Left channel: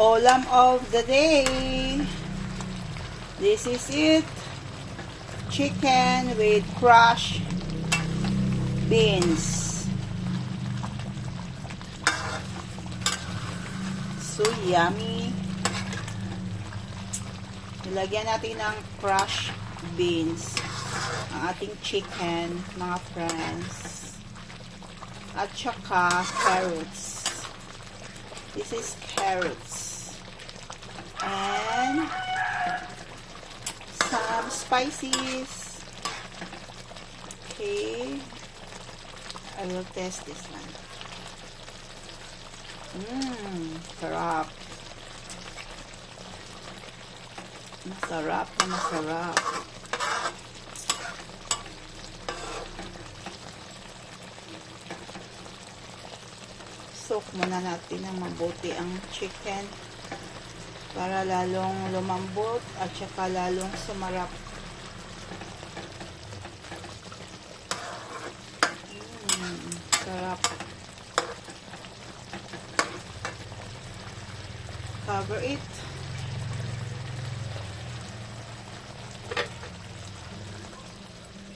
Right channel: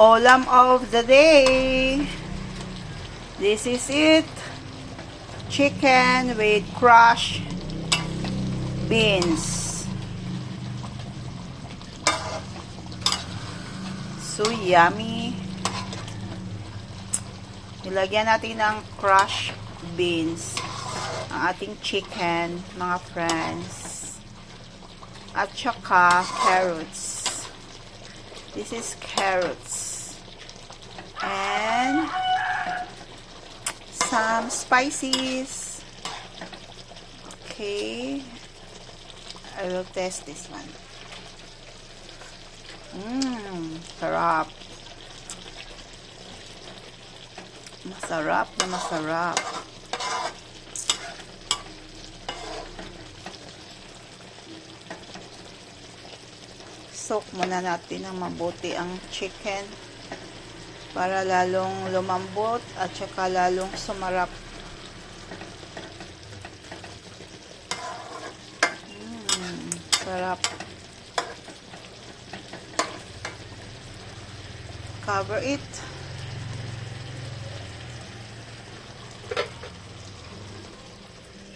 Ulam of the day. This is it. Chicken with crushed beans. So yummy. Nilagyan natin ng crushed beans ang ating chicken, mga friends. At saka carrots. This is carrots. And some spices. Okay. I will test this one. Sarap. Masarap na masarap. Soak muna natin ng mabuti ang chicken para lalong lumambot at saka lalong sumarap. Sarap. Cover it.